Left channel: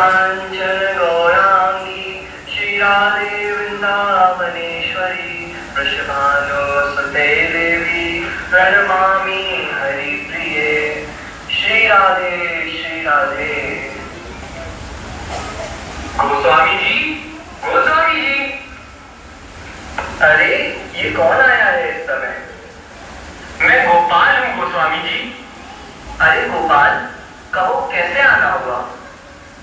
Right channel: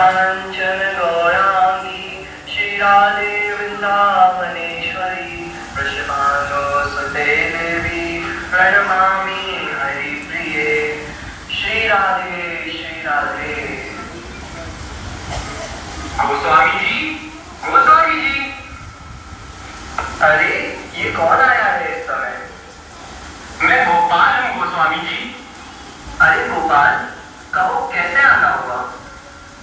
कांचन गौरांगी श्री राधे वृंदावनेश्वरी वृषभानुसुते देवी प्रणमामि हरिप्रिये। श्री राधे श्री राधे। गोस्वामी जी, गोस्वामी जी। अरे ये कौन आया है इस समय? मैं गोपाल हूँ गोस्वामी जी। अरे गोपाल, कहो कैसे आना हुआ?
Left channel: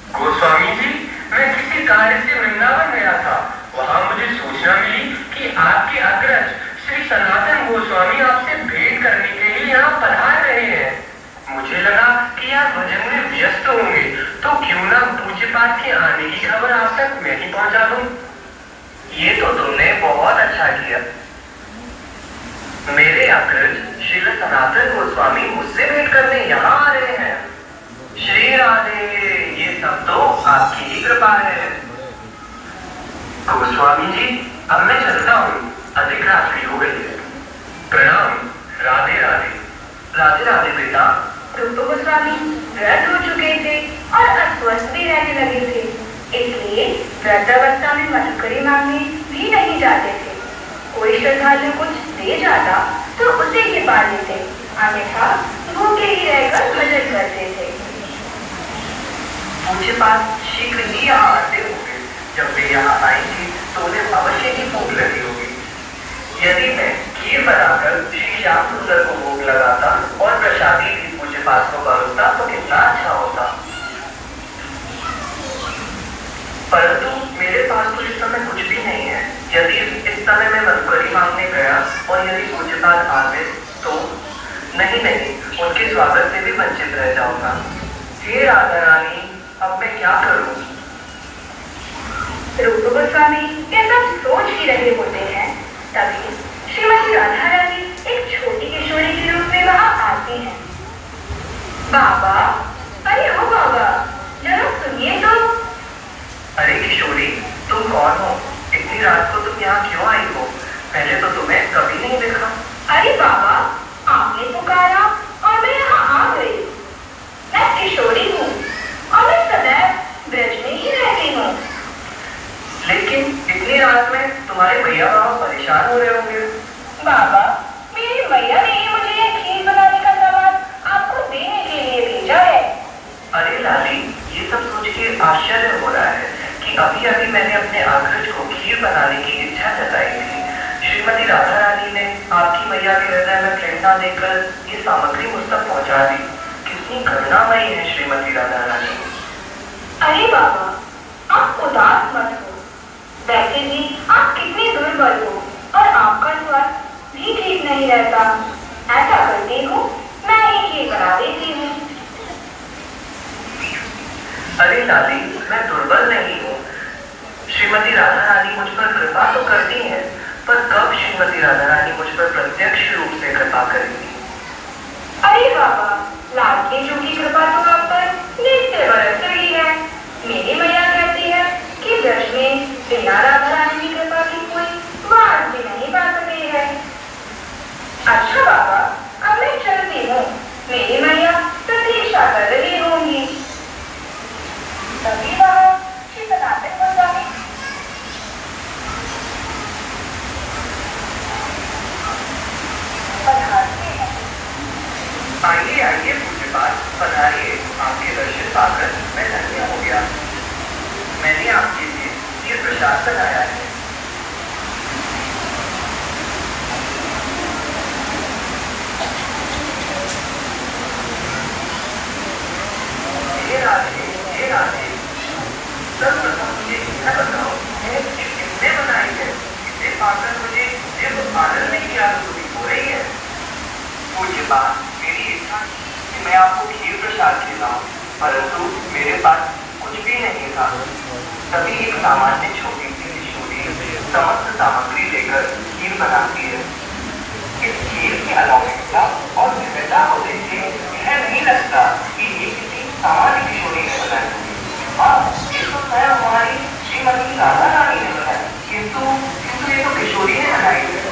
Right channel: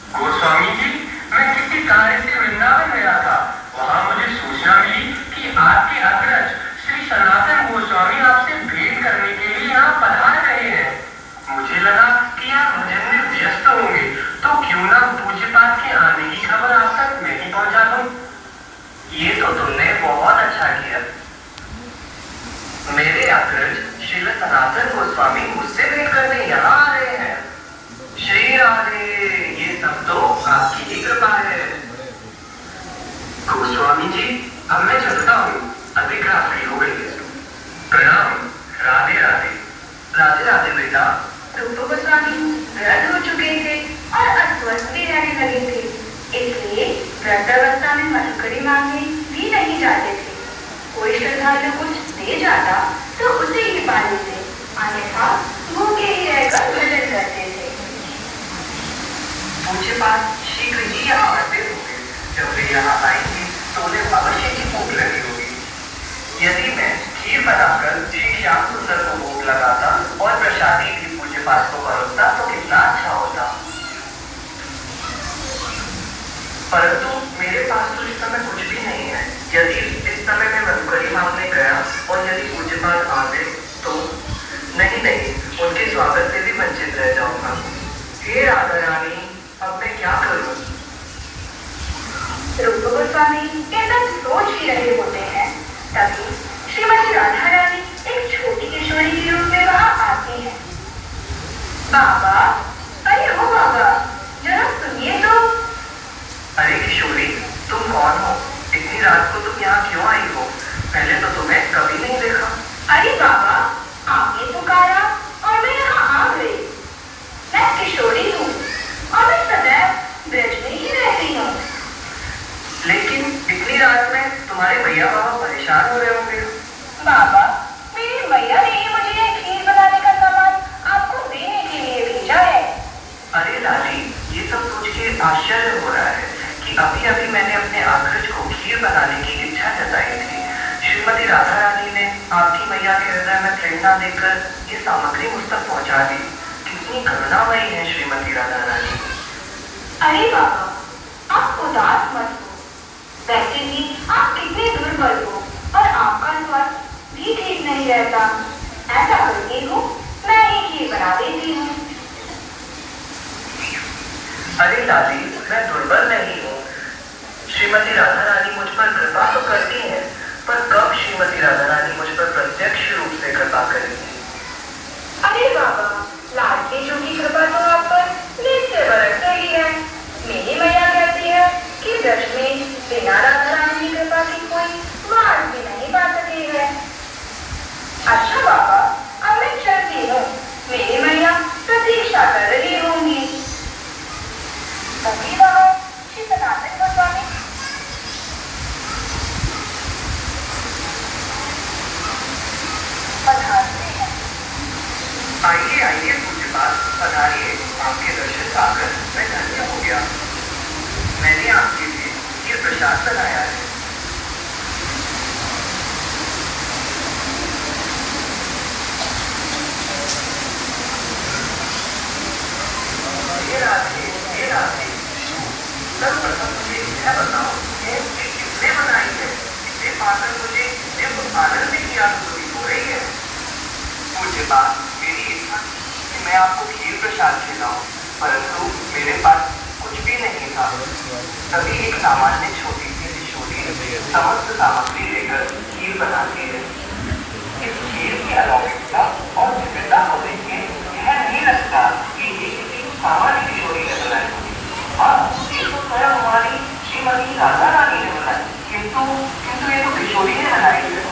गोस्वामी जी, मैं किसी कार्य से वृंदावन गया था। वहाँ मुझे सूचना मिली कि आपके अग्रज श्री सनातन गोस्वामी आपसे भेंट करने के लिए यहाँ पधार रहे हैं। मुझे लगा कि आप भजन में व्यस्त होंगे, तो क्यों ना पूज्य पाठ के आने की खबर आप तक मैं ही पहुँचा दूँ। ये तो तुमने बहुत अच्छा किया। मेरे अग्रज श्री सनातन गोस्वामी मुझसे भेंट करने यहाँ आ रहे हैं। श्री राधे, ये सब तो आपकी ही कृपा है। गोस्वामी जी, अब मैं चलता हूँ, अधिक रात्रि हो गई है। प्रणाम। राधे राधे। राधे राधे बेटा। तुम तो गोस्वामी व्रत हो चुके थे और अस्वस्थ भी रहने लगे थे, इसलिए व्रत अवस्था में मधुकरी मांगने भी नहीं जाते थे। कोई श्रद्धालु कुछ दे जाता तो उसे ही पा लेते, अन्यथा भूखे ही रहकर भजन करते थे। मुझे पास शीघ्र ही यहाँ आते होंगे। जब वे यहाँ आएंगे तो उन्हें अवश्य ही भूख लगी होगी। यदि मैं खीर बनाकर श्री श्याम सुंदर को भोग लगाता और प्रसादी भी पूज्य पास को परोसता तो कितना अच्छा होता। परंतु मेरे पास तो इस समय कुछ भी नहीं है। यदि इस समय मैं मधुकरी मांगने गया और यदि पूज्य पास आ गए तो नहीं, उनके स्वागत से भी वंचित रह जाऊंगा। हे राधा रानी, अब मैं क्या करूं? रूप गोस्वामी कैसा सोच ही रहे होते हैं, तभी श्रीमती राधा रानी एक छोटी किशोरी के रूप में वहाँ आती है। बाबा, अरे हो बाबा, जरा सुनिए तो। अरे किशोरी, तुम कौन हो? इतनी रात को तुम यहाँ क्यों आई हो? पहले तो तुम्हें कभी नहीं देखा। अरे बाबा, आपने पुकारा और मैं यहाँ आ गई। मैं किशोरी हूँ और मैं सदैव ब्रज में ही रहती हूँ। लेकिन इतनी रात में तुम्हारे भैया बाबा परेशान हो रहे होंगे। बाबा, मेरी मैया ने ही मुझे खीर बनाने का सामान आपको देने के लिए भेजा है। अरे लाली, ये सब सोच के आश्चर्य हो रहा है कि अभी अभी मैंने अपने अग्रज को खीर बनाने की इच्छा जताई थी। श्रीमती राधा रानी ने आपकी मैया के हृदय में प्रेरणा देकर ये सामग्री मुझ तक पहुँचा दी। कितनी करुणामयी है श्रीमती राधा रानी। अरे बाबा, आप उदास मत हो। वैसे भी आप कितने दुर्बल हो और आपका स्वास्थ्य भी ठीक नहीं रहता। ऐसा करती हूँ, मैं ही खीर बना देती हूँ। अरे लाली, मैं दुर्बल नहीं हूँ। श्रीमती राधा रानी मुझ पर कृपा तो करती है, पर कब श्रीमती राधा रानी मुझ पर प्रत्यक्ष रूप से कृपा करेंगी? अरे बाबा, लाडली जू की कृपा तो आप पर नित्य बरस रही है। मेरी मैया कहती है कि ब्रज में बिना राधा रानी की कृपा की कोई बात भी नहीं पा सकी है। अच्छा बाबा, अब मैं चलती हूँ, मेरी मैया प्रतीक्षा कर रही होंगी। तभी वहाँ श्री सनातन गोस्वामी पधारते हैं। आइए आइए पूज्य पास, पधारिए। आपके दर्शन पाकर मैं धन्य हो गया। मैंने आपके लिए ये प्रसाद बनाया है। ये राधे, सर्वप्रथम मुझे इच्छा बताओ कि किसने बनाई है? इसे पाकर मुझे जब आदर नहीं की अनुभूति हो रही है। पूज्य पास, मेरी इच्छा कि मैं आपको खीर प्रसाद खिलाऊं, परंतु मेरे पास कुछ भी नहीं था। तभी एक सामान्य छोटी सी किशोरी समस्त सामग्री लेकर खीर बनाती है। इस खीर की अलौकिकता और दिव्यता को देख के यह नहीं लगता कि ये किसी सामान्य किशोरी ने बनाई होगी। हाँ, ये तो स्वयं हमारी श्रीमती राधा रानी ने बनाई, किंतु ये तो किशोरी ने बनाई है।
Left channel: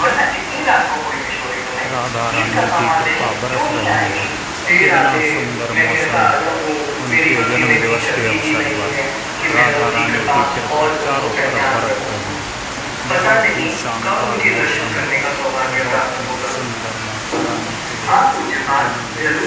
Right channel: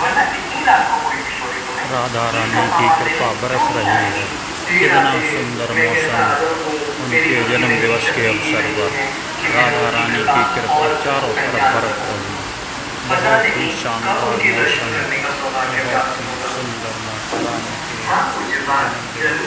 वरना इतनी रात को कोई किशोरी को नहीं। राधा रानी की कृपा बरस रही है। कितना सुंदर मौसम उनके जन्म दिवस के अवसर पर राधा रानी की कृपा चारों तरफ बरस रही। बहुत ही शानदार मौसम, बहुत ही सुंदर माता रानी के जन्मदिन